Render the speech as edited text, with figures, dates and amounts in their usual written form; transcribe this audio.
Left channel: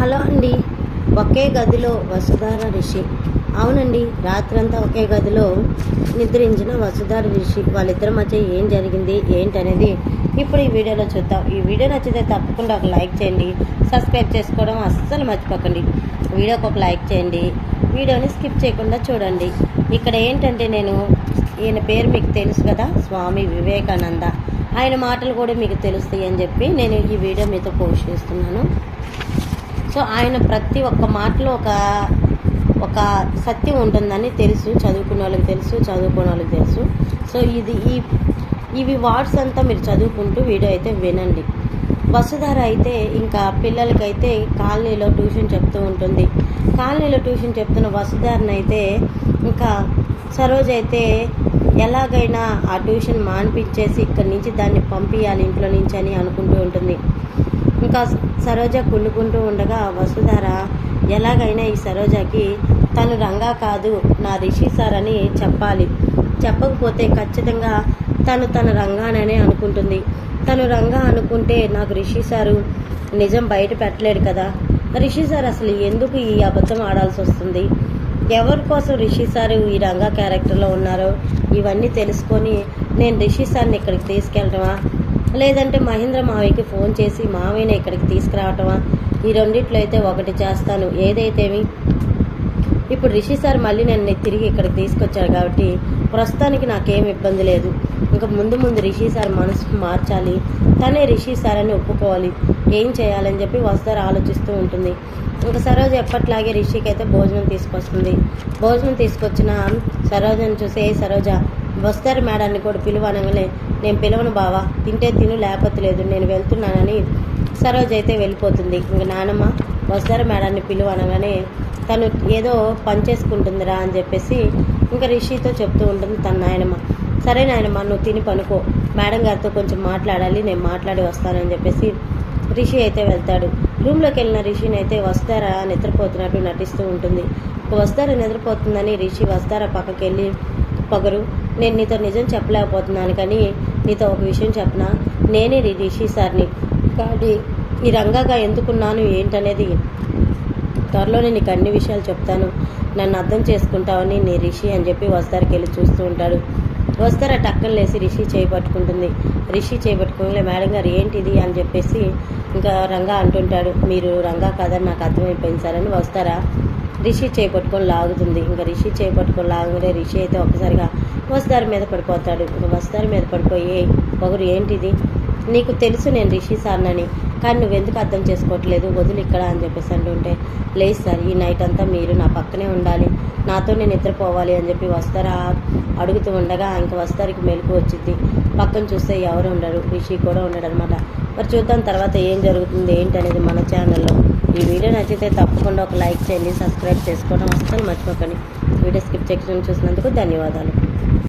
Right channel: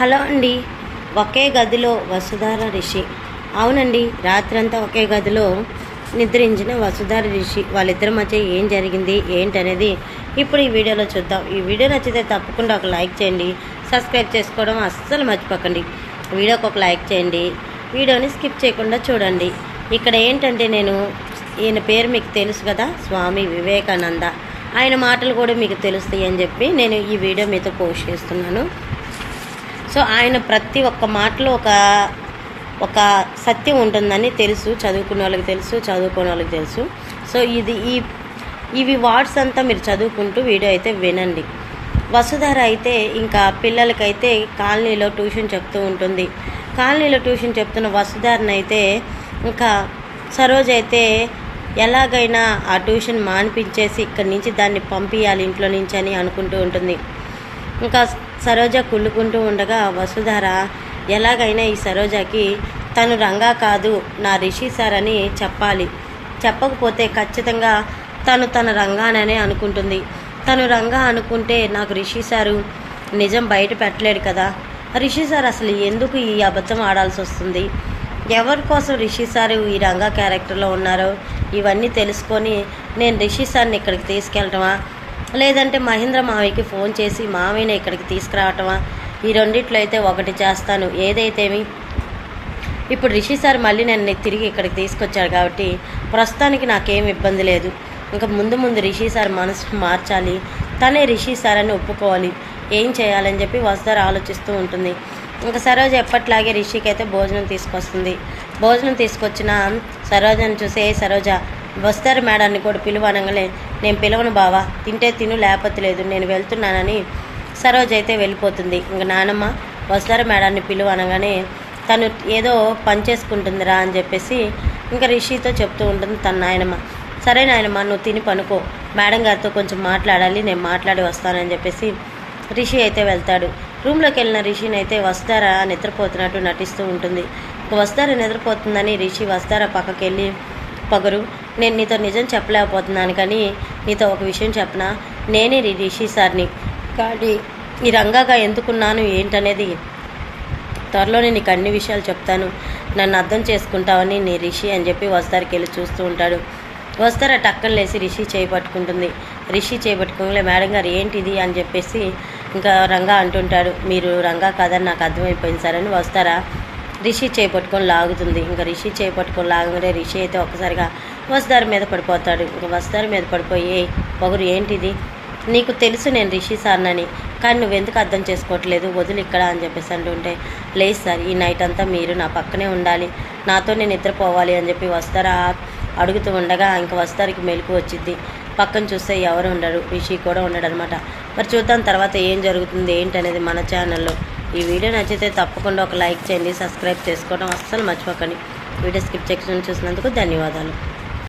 Hello అండి. ఒకే గదిలో వసుధార రిషి. అవునండి, రాత్రంతా ఒకే గదిలో నిద్రించిన వసుధార రిషి వాళ్ళిద్దరి మధ్య ఏం జరిగింది ఏంటనేది ఇప్పుడు ఈ వీడియోలో చూద్దాం. ఈ వీడియో నచ్చితే తప్పకుండా ఒక లైక్ చేయండి, సబ్స్క్రైబ్ చేసుకోవడం అస్సలు మర్చిపోకండి. వీడియోకి ఒక లైక్ చేయండి, వీడియోని స్కిప్ చేయకుండా చూడండి. ఇక్కడ ఏంటంటే ఈయన పేరు మీకు తెలుసు కదా, స్వామి వివేకానంద. ఆయన మాటలు కూడా మీకు తెలుస్తాయి అని చెప్పి నేను ఈ వీడియో మీతో పోస్ట్ చేస్తున్నాను. సో ఆయన ప్రతి ఒక్క మాటలో ఒక సత్యం ఉంటుందని తెలుసు, చదువుకున్న వాళ్ళకి తెలుసు, చదువుకునే వాళ్ళకి తెలుసు. సో ఇవి వార్డ్స్ అంతా మీరు చదువుకుంటూ వీడియో అయితే వినండి. వసుధార అయితే ఇంకా పిల్లలకైతే కాలనీలో ట్యూషన్ చెప్తూ ఉంటుంది. కాలనీలో ట్యూషన్ చెప్తున్న వసుధారని అయితే ఇంకా సరోజ్ అయితే ఎలాగైనా ఆ ట్యూషన్ మానిపించేసి ఇక్కడి నుంచి దాన్ని పంపించాలి ఇంట్లో నుంచి అని అనుకుంటూ ఉంటుంది. ఇంకా సరోజ కుళ్ళుకుంటూ ఉండగా వసుధార ఎలాగైనా ఈ సరోజకి తను రంగా కాదు నా రిషి సార్ అని చెప్పాలి, చెప్పకపోతే ఖచ్చితంగా తన రంగాననే అనుకుంటుంది. తను రంగా అనుకుంటే నాకు రిషి సారు నిజం బయట పెట్టలేడు కదా, రిషి సార్ అసలు ఎందుకు ఈ అబద్ధం ఆడాల్సి వస్తుంది, ఎవరి కోసం రిషి సారు ఈ రంగా క్యారెక్టర్లో ఉన్నారో ఇవన్నీ తెలుసుకొని నేను రిషి సార్ని ఇక్కడికి తీసుకెళ్ళటమా, లేదంటే మహేంద్ర మావయ్యకి ఫోన్ చేసి మావయ్యని ఇక్కడికి తీసుకురావటమా, ఈ రెండిట్లో అయితే ఒకటి చేస్తాను. ఏదైతేమి ఇప్పుడు రిషి సార్ మళ్ళీ నన్ను తిరిగి ఇక్కడికి తీసుకొచ్చాడు కాబట్టి ప్రస్తుతానికి నాకేం ఇబ్బంది లేదు. ఇంకా ముందు రిషి సార్ మనసు మార్చాలి, తనే రిషి సార్ అని ఒప్పుకోవాలి, ఏం చేయాలని చెప్పి వసుధార ఆలోచిస్తూ ఉంటుంది. ఇంకా సరోజ ఎప్పట్లాగే రిషికి అయితే భోజనం తీసుకొస్తుంది. భోజనం తీసుకొచ్చిన సరోజను చూసి, సరోజ వసుధార మేడాన్ని కూడా పిలువనగానే నేను పిలవను బావా, తింటే తిను లేకపోతే లేదు, నేను వెళ్తున్నానని సరోజ అయితే వెళ్ళిపోతుంది. ఇంకా నానమ్మ వసుధార మేడాన్ని పిలువనగానే తను ఏదో పని చేసుకుంటుందిరా అని చెప్పేసి ఇంకా రిషితో చెప్తూ ఉంటుంది తన నాయనమ్మ. సరే నాయనమ్మ, నువ్వు తిని పనుకో, మేడం గారితో కొంచెం మాట్లాడాలి, నేను మాట్లాడి వస్తానని చెప్పేసి రిషి అయితే వెళ్తాడు. రూమ్లోకి వెళ్ళిన రిషిని అయితే వసుధార నిద్రపోతున్నట్టు నటిస్తూ ఉంటుంది. వసుధార నిద్రపోతుందని రిషి వసుధార పక్కకి వెళ్ళి, పొగరు, నేను నీతో నిజం చెప్పలేకపోతున్నాను కానీ నీతో ఒక విషయం చెప్పనా, నేనే రిషి సార్ని కానీ ఈ రంగాగా ఎందుకున్నాను ఏంటనేది త్వరలోనే నీకు అన్ని విషయాలు చెప్తాను, నన్ను అర్థం చేసుకుంటావని నీ రిషి అని చెప్పి వసుధారకి వెళ్ళి చూస్తూ ఉంటాడు. వసుధార టక్కన లేసి రిషి చేయబట్టుకుంటుంది. రిషి చేయబట్టుకోలే, మేడం గారు ఏంటిది అని చెప్పేసి ఇంకా రంగా అంటుంటాడు. మీరు రంగా కాదని నాకు అర్థమైపోయింది సార్ అని వసుధార రిషి చేపట్టుకొని లాగుతుంది. ఇంకా రిషి చేపట్టుకొని లాగగానే రిషి అయితే ఒక్కసారిగా వసుధార మీద పడిపోతాడు. ఇంకా వసుధార మీద పడిపోయి, పొగరు ఏంటిది, నీకు తెలుసు నేను రిషి సార్నని, కానీ నువ్వెందుకు అర్థం చేసుకోవట్లేదు, వదిలి ఇక్కడ అని చెప్పేసి అంటుంటే, లేదు సార్ ఈ నైట్ అంతా మీరు నా పక్కనే ఉండాలి, నాతో నేను నిద్రపోవాలి అని చెప్పి వసుధార అడుగుతూ ఉండగా ఇంకా వసుధారకి మెలకు వచ్చింది. పక్కన చూస్తే ఎవరు ఉండరు, రిషి కూడా ఉండడు అనమాట. మరి చూద్దాం తర్వాత ఏం జరుగుతుంది ఏంటనేది మన ఛానల్లో. ఈ వీడియో నచ్చితే తప్పకుండా ఒక లైక్ చేయండి, సబ్స్క్రైబ్ చేసుకోవడం అస్సలు మర్చిపోకండి. వీడియో స్కిప్ సెక్షన్ చూసినందుకు ధన్యవాదాలు.